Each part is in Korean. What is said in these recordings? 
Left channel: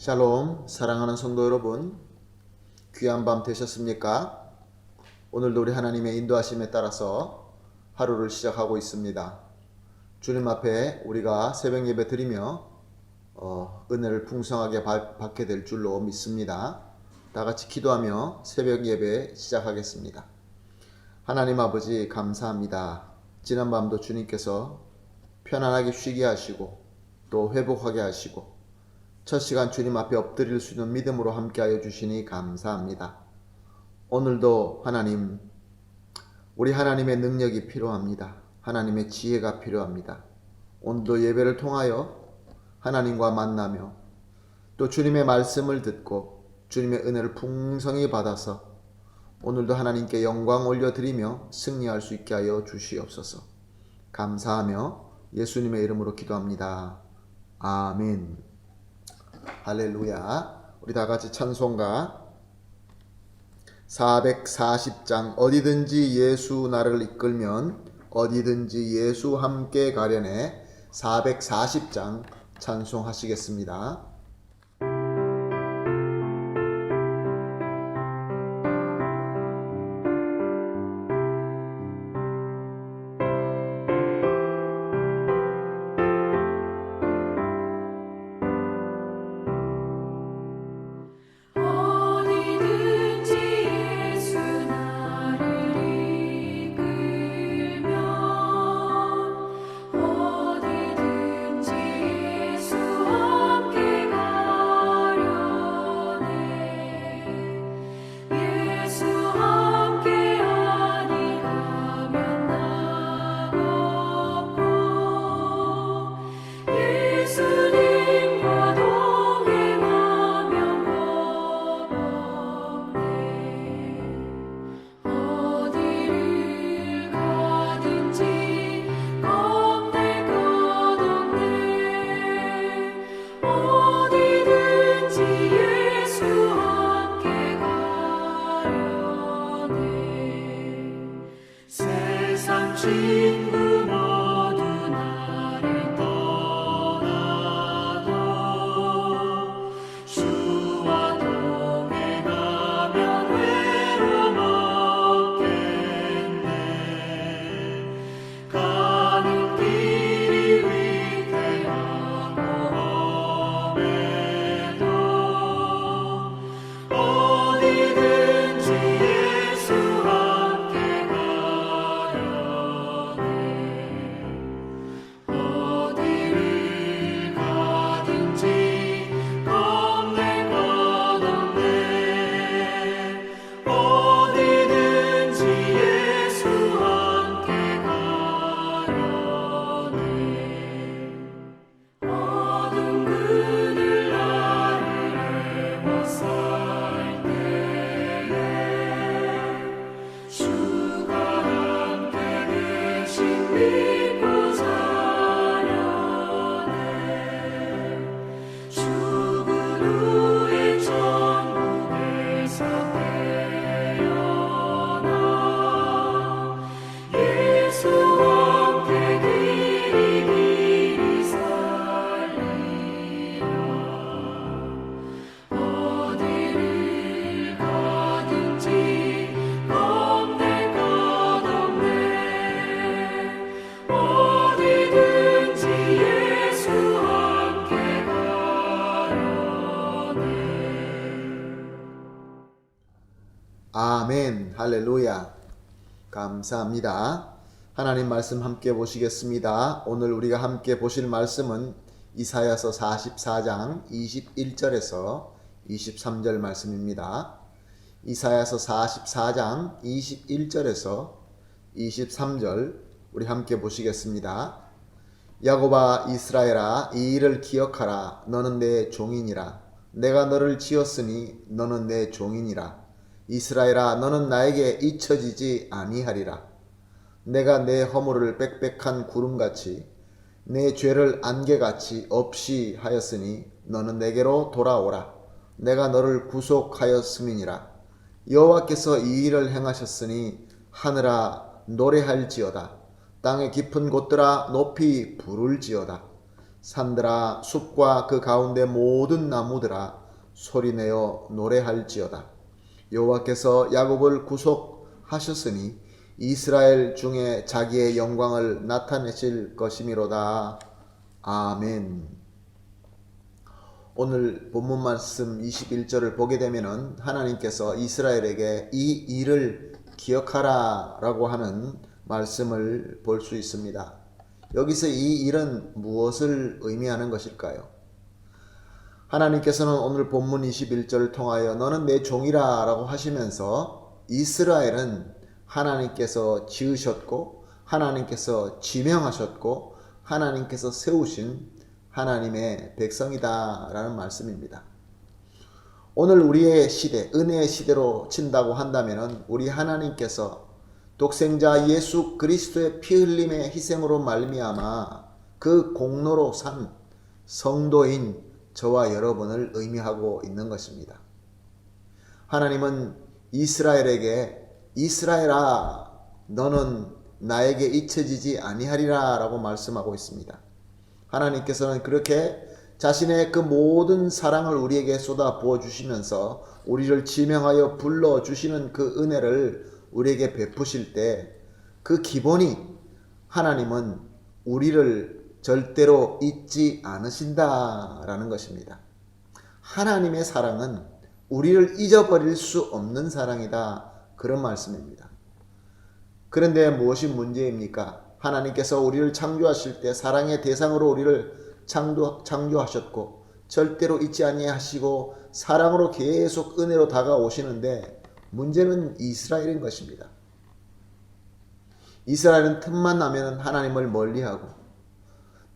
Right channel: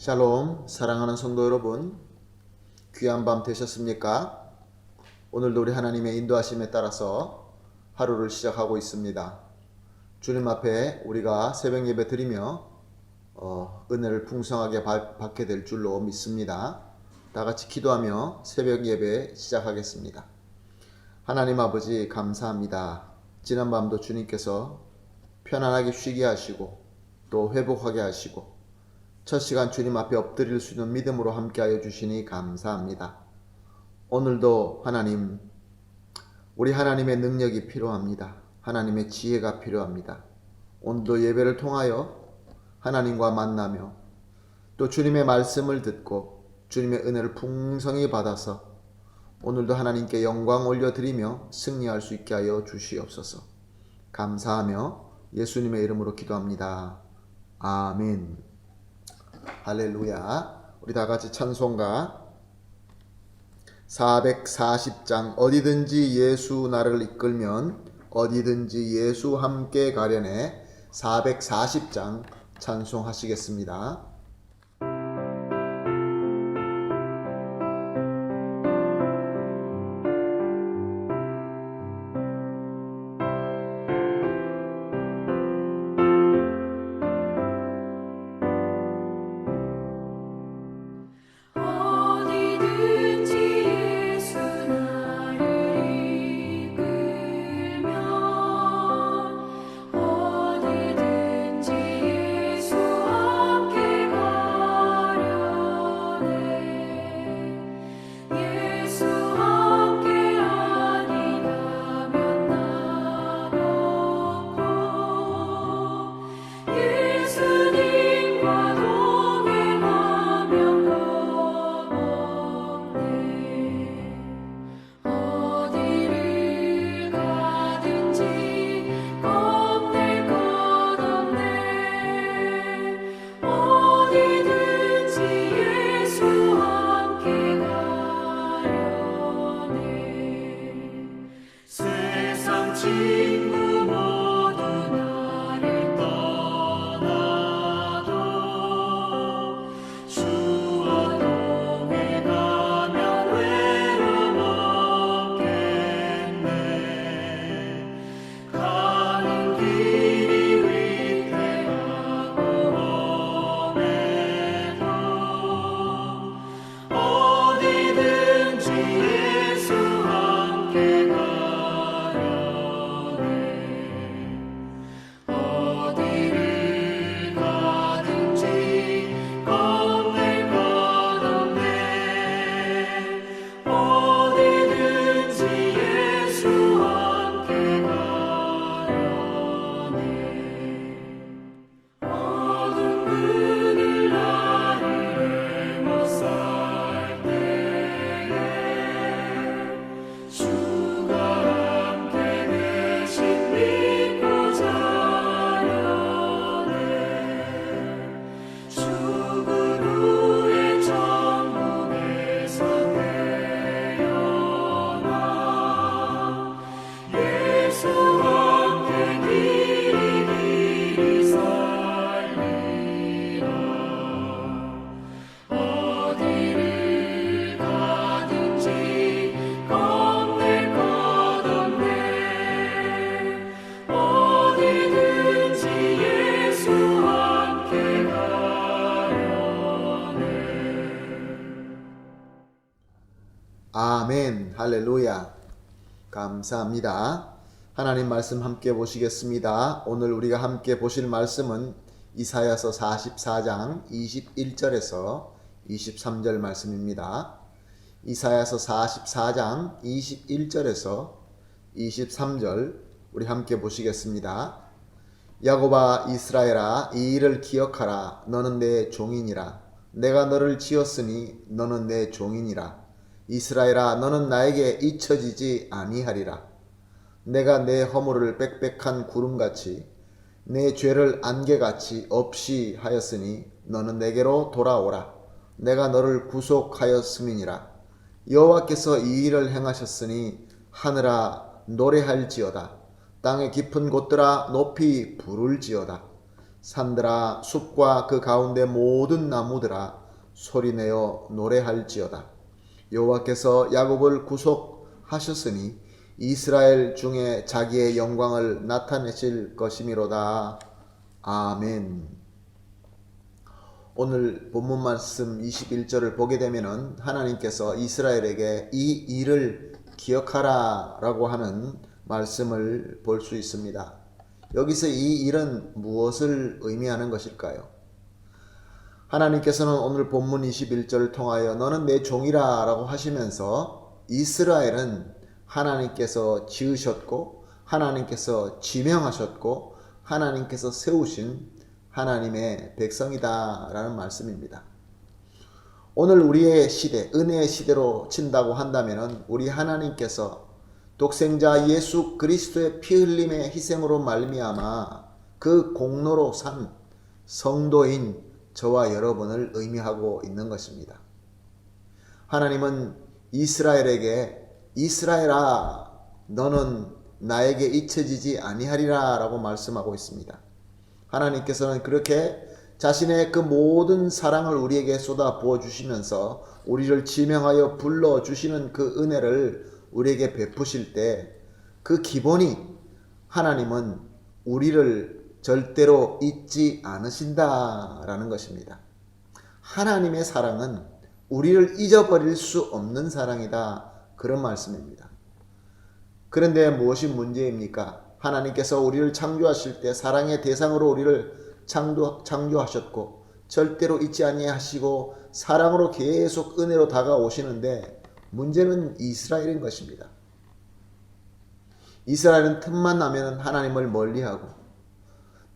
샬롬, 사랑하는 성도 여러분, 귀한 밤 되셨습니까? 오늘도 우리 하나님의 인도하심에 따라서 하루를 시작하고 있습니다. 주님 앞에 우리가 새벽 예배 드리며 은혜를 풍성하게 받게 될 줄로 믿습니다. 다 같이 기도하며 새벽 예배 시작하겠습니다. 하나님 아버지 감사합니다. 지난밤도 주님께서 편안하게 쉬게 하시고 또 회복하게 하시고 첫 시간 주님 앞에 엎드릴 수 있는 믿음으로 함께하여 주시니 감사합니다. 오늘도 하나님, 우리 하나님의 능력이 필요합니다. 하나님의 지혜가 필요합니다. 오늘도 예배를 통하여 하나님과 만나며 또 주님의 말씀을 듣고 주님의 은혜를 풍성히 받아서 오늘도 하나님께 영광 올려드리며 승리할 수 있게 하여 주시옵소서. 감사하며 예수님의 이름으로 기도합니다. 아멘. 할렐루야. 우리 다 같이 찬송가 440장 어디든지 예수 나를 이끌면 어디든지 예수 함께 가려네 440장 찬송하시겠습니다. 아멘. 할렐루야. 감사합니다. 하나님 말씀 함께 보시겠습니다. 오늘 우리가 함께 보실 말씀은 이사야서 44장 21절에서 23절 말씀입니다. 이사야서 44장 21절에서 23절 우리 함께 보시겠습니다. 야곱아 이스라엘아 이 일을 기억하라. 너는 내 종이니라. 내가 너를 지었으니 너는 내 종이니라. 이스라엘아 너는 나에게 잊혀지지 아니하리라. 내가 내 허물을 빽빽한 구름같이 내 죄를 안개같이 없이 하였으니 너는 내게로 돌아오라. 내가 너를 구속하였음이니라. 여호와께서 이 일을 행하셨으니 하늘아 노래할지어다. 땅의 깊은 곳들아 높이 부를지어다. 산들아 숲과 그 가운데 모든 나무들아 소리내어 노래할지어다. 여호와께서 야곱을 구속하셨으니 이스라엘 중에 자기의 영광을 나타내실 것이미로다. 아멘. 오늘 본문 말씀 21절을 보게 되면은 하나님께서 이스라엘에게 이 일을 기억하라 라고 하는 말씀을 볼 수 있습니다. 여기서 이 일은 무엇을 의미하는 것일까요? 하나님께서는 오늘 본문 21절을 통하여 너는 내 종이라 라고 하시면서 이스라엘은 하나님께서 지으셨고 하나님께서 지명하셨고 하나님께서 세우신 하나님의 백성이다 라는 말씀입니다. 오늘 우리의 시대, 은혜의 시대로 친다고 한다면 우리 하나님께서 독생자 예수 그리스도의 피 흘림의 희생으로 말미암아 그 공로로 산 성도인 저와 여러분을 의미하고 있는 것입니다. 하나님은 이스라엘에게 이스라엘아 너는 나에게 잊혀지지 아니하리라 라고 말씀하고 있습니다. 하나님께서는 그렇게 자신의 그 모든 사랑을 우리에게 쏟아 부어 주시면서 우리를 지명하여 불러 주시는 그 은혜를 우리에게 베푸실 때 그 기본이 하나님은 우리를 절대로 잊지 않으신다라는 것입니다. 하나님의 사랑은 우리를 잊어버릴 수 없는 사랑이다. 그런 말씀입니다. 그런데 무엇이 문제입니까? 하나님께서 우리를 창조하실 때 사랑의 대상으로 우리를 창조하셨고 절대로 잊지 아니하시고 사랑으로 계속 은혜로 다가오시는데 문제는 이스라엘인 것입니다. 이스라엘은 틈만 나면 하나님을 멀리하고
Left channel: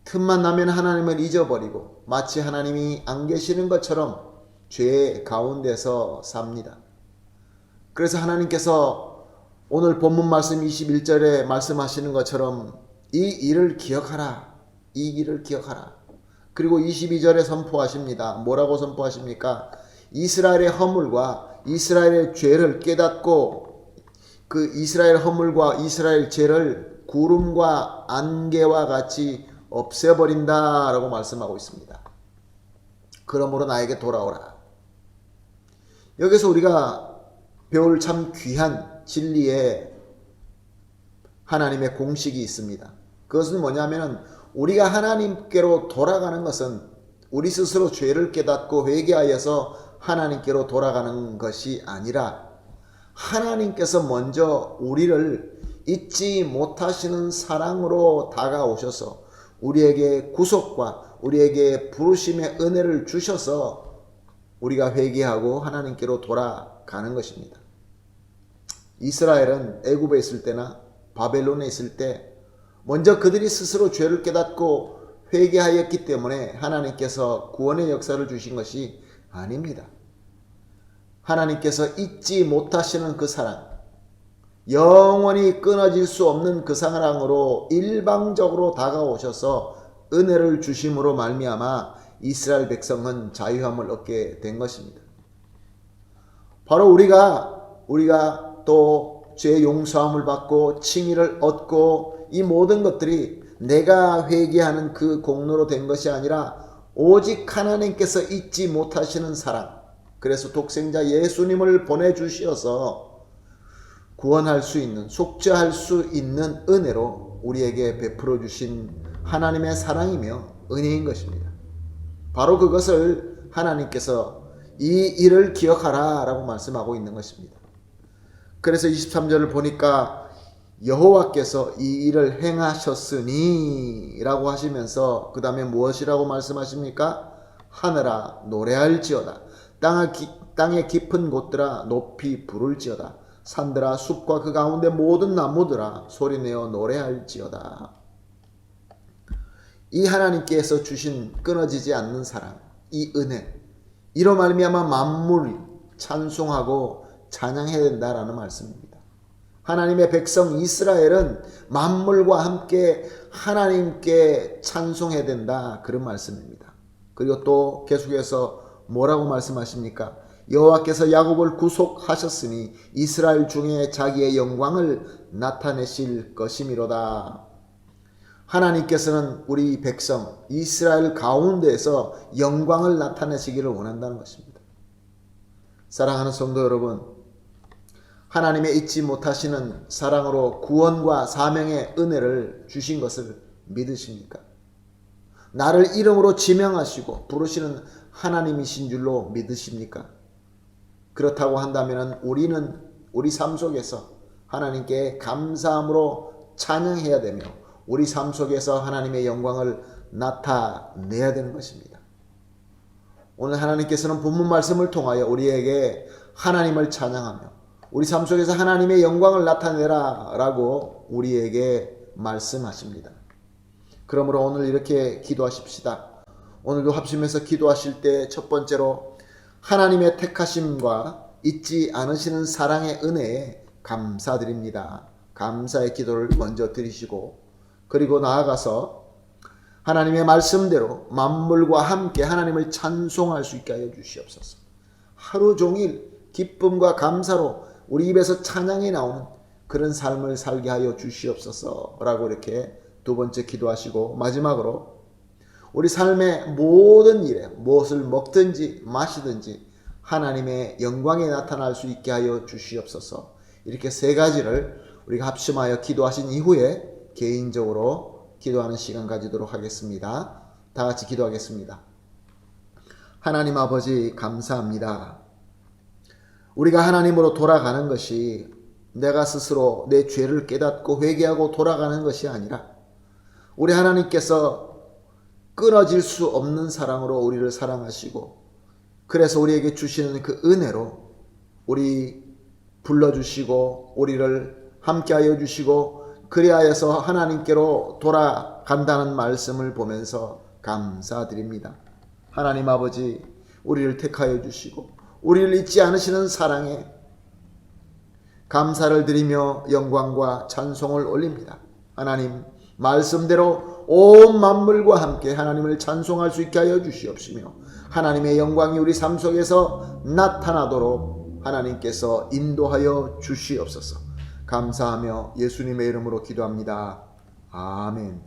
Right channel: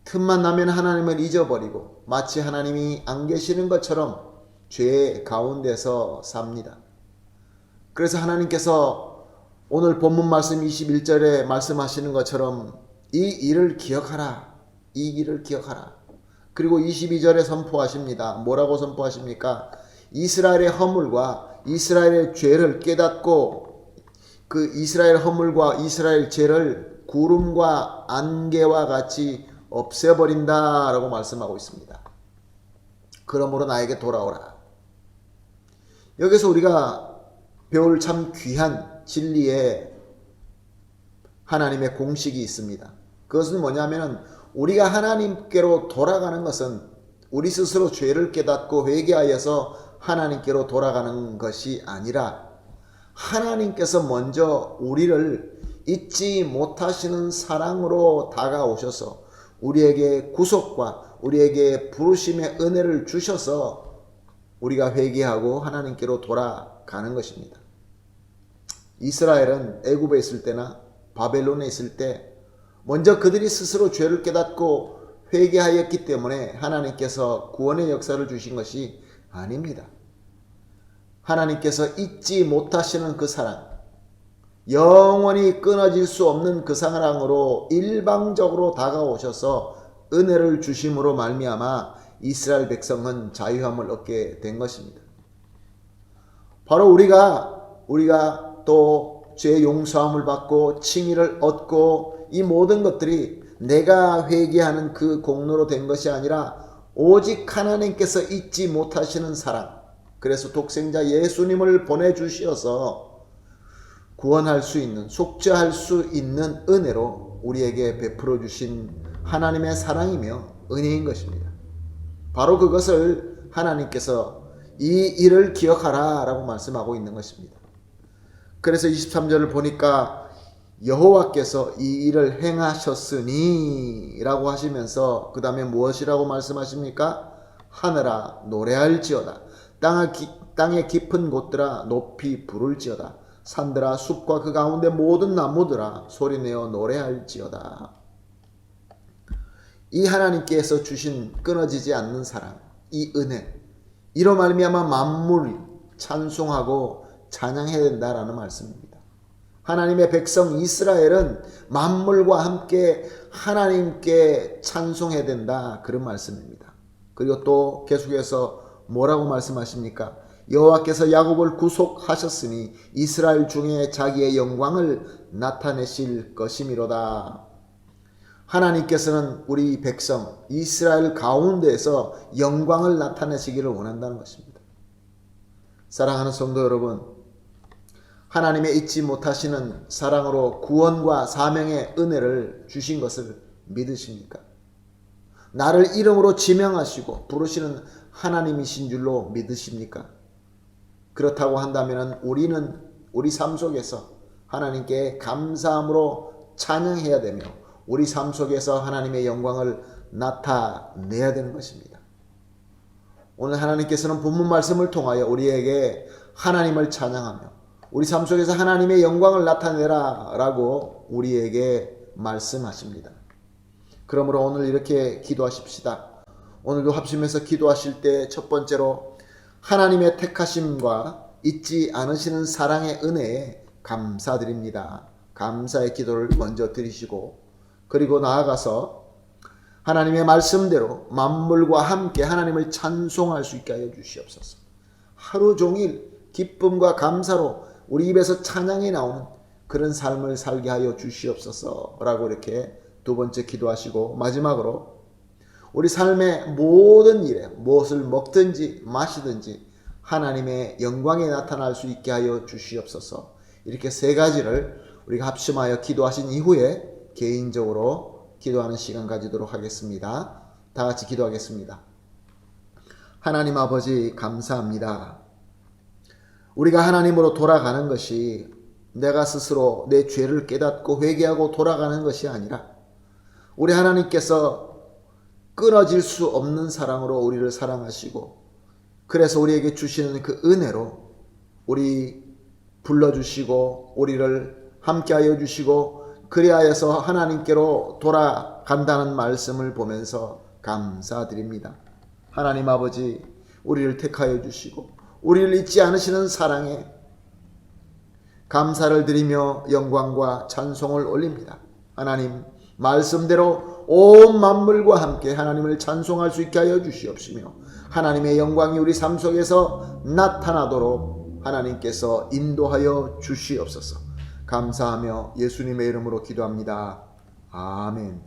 틈만 나면 하나님을 잊어버리고 마치 하나님이 안 계시는 것처럼 죄 가운데서 삽니다. 그래서 하나님께서 오늘 본문 말씀 21절에 말씀하시는 것처럼 이 일을 기억하라. 이 일을 기억하라. 그리고 22절에 선포하십니다. 뭐라고 선포하십니까? 이스라엘의 허물과 이스라엘의 죄를 깨닫고 그 이스라엘 허물과 이스라엘 죄를 구름과 안개와 같이 없애버린다 라고 말씀하고 있습니다. 그러므로 나에게 돌아오라. 여기서 우리가 배울 참 귀한 진리의 하나님의 공식이 있습니다. 그것은 뭐냐면 우리가 하나님께로 돌아가는 것은 우리 스스로 죄를 깨닫고 회개하여서 하나님께로 돌아가는 것이 아니라 하나님께서 먼저 우리를 잊지 못하시는 사랑으로 다가오셔서 우리에게 구속과 우리에게 부르심의 은혜를 주셔서 우리가 회개하고 하나님께로 돌아가는 것입니다. 이스라엘은 애굽에 있을 때나 바벨론에 있을 때 먼저 그들이 스스로 죄를 깨닫고 회개하였기 때문에 하나님께서 구원의 역사를 주신 것이 아닙니다. 하나님께서 잊지 못하시는 그 사랑, 영원히 끊어질 수 없는 그 사랑으로 일방적으로 다가오셔서 은혜를 주심으로 말미암아 이스라엘 백성은 자유함을 얻게 된 것입니다. 바로 우리가 또 죄의 용서함을 받고 칭의를 얻고 이 모든 것들이 내가 회개하는 그 공로로 된 것이 아니라 오직 하나님께서 잊지 못하시는 사랑, 그래서 독생자 예수님을 보내주셔서 구원할 수 있는, 속죄할 수 있는 은혜로 우리에게 베풀어 주신 하나님의 사랑이며 은혜인 것입니다. 바로 그것을 하나님께서 이 일을 기억하라 라고 말씀하고 있는 것입니다. 그래서 23절을 보니까 여호와께서 이 일을 행하셨으니 라고 하시면서 그 다음에 무엇이라고 말씀하십니까? 하늘아 노래할지어다. 땅의 깊은 곳들아 높이 부를지어다. 산들아 숲과 그 가운데 모든 나무들아 소리내어 노래할지어다. 이 하나님께서 주신 끊어지지 않는 사랑, 이 은혜, 이로 말미암아 만물이 찬송하고 찬양해야 된다라는 말씀입니다. 하나님의 백성 이스라엘은 만물과 함께 하나님께 찬송해야 된다, 그런 말씀입니다. 그리고 또 계속해서 뭐라고 말씀하십니까? 여호와께서 야곱을 구속하셨으니 이스라엘 중에 자기의 영광을 나타내실 것이미로다. 하나님께서는 우리 백성 이스라엘 가운데에서 영광을 나타내시기를 원한다는 것입니다. 사랑하는 성도 여러분, 하나님의 잊지 못하시는 사랑으로 구원과 사명의 은혜를 주신 것을 믿으십니까? 나를 이름으로 지명하시고 부르시는 하나님이신 줄로 믿으십니까? 그렇다고 한다면 우리는 우리 삶 속에서 하나님께 감사함으로 찬양해야 되며 우리 삶 속에서 하나님의 영광을 나타내야 되는 것입니다. 오늘 하나님께서는 본문 말씀을 통하여 우리에게 하나님을 찬양하며 우리 삶 속에서 하나님의 영광을 나타내라 라고 우리에게 말씀하십니다. 그러므로 오늘 이렇게 기도하십시다. 오늘도 합심해서 기도하실 때 첫 번째로 하나님의 택하심과 잊지 않으시는 사랑의 은혜에 감사드립니다. 감사의 기도를 먼저 드리시고, 그리고 나아가서 하나님의 말씀대로 만물과 함께 하나님을 찬송할 수 있게 하여 주시옵소서. 하루 종일 기쁨과 감사로 우리 입에서 찬양이 나오는 그런 삶을 살게 하여 주시옵소서 라고 이렇게 두 번째 기도하시고, 마지막으로 우리 삶의 모든 일에 무엇을 먹든지 마시든지 하나님의 영광이 나타날 수 있게 하여 주시옵소서. 이렇게 세 가지를 우리가 합심하여 기도하신 이후에 개인적으로 기도하는 시간 가지도록 하겠습니다. 다 같이 기도하겠습니다. 하나님 아버지, 감사합니다. 우리가 하나님으로 돌아가는 것이 내가 스스로 내 죄를 깨닫고 회개하고 돌아가는 것이 아니라 우리 하나님께서 끊어질 수 없는 사랑으로 우리를 사랑하시고, 그래서 우리에게 주시는 그 은혜로 우리 불러주시고 우리를 함께하여 주시고 그리하여서 하나님께로 돌아간다는 말씀을 보면서 감사드립니다. 하나님 아버지, 우리를 택하여 주시고 우리를 잊지 않으시는 사랑에 감사를 드리며 영광과 찬송을 올립니다. 하나님, 말씀대로 온 만물과 함께 하나님을 찬송할 수 있게 하여 주시옵시며 하나님의 영광이 우리 삶 속에서 나타나도록 하나님께서 인도하여 주시옵소서. 감사하며 예수님의 이름으로 기도합니다. 아멘.